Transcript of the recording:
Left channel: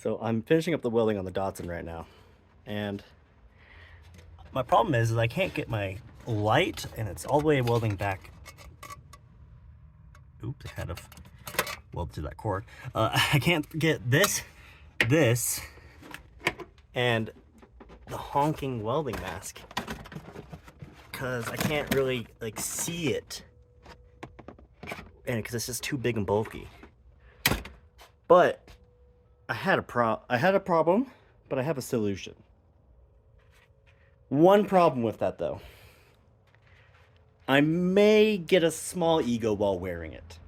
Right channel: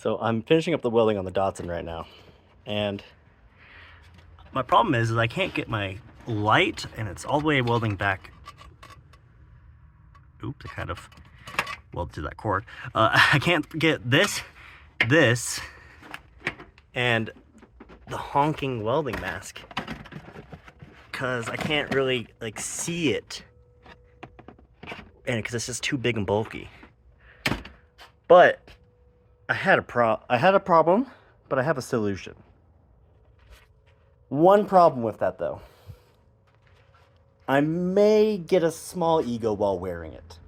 So I'm finishing up the welding on the Datsun right now, and my problem is I can't get my light, and it's all the way welding back. Oops, I kind of welded to that cord. I can't get this, and the honking welding mask, because I can't really like see it, and because it's just too big and bulky. But I had a problem, but I have a solution. One problem with that though. I may get a small ego while wearing it.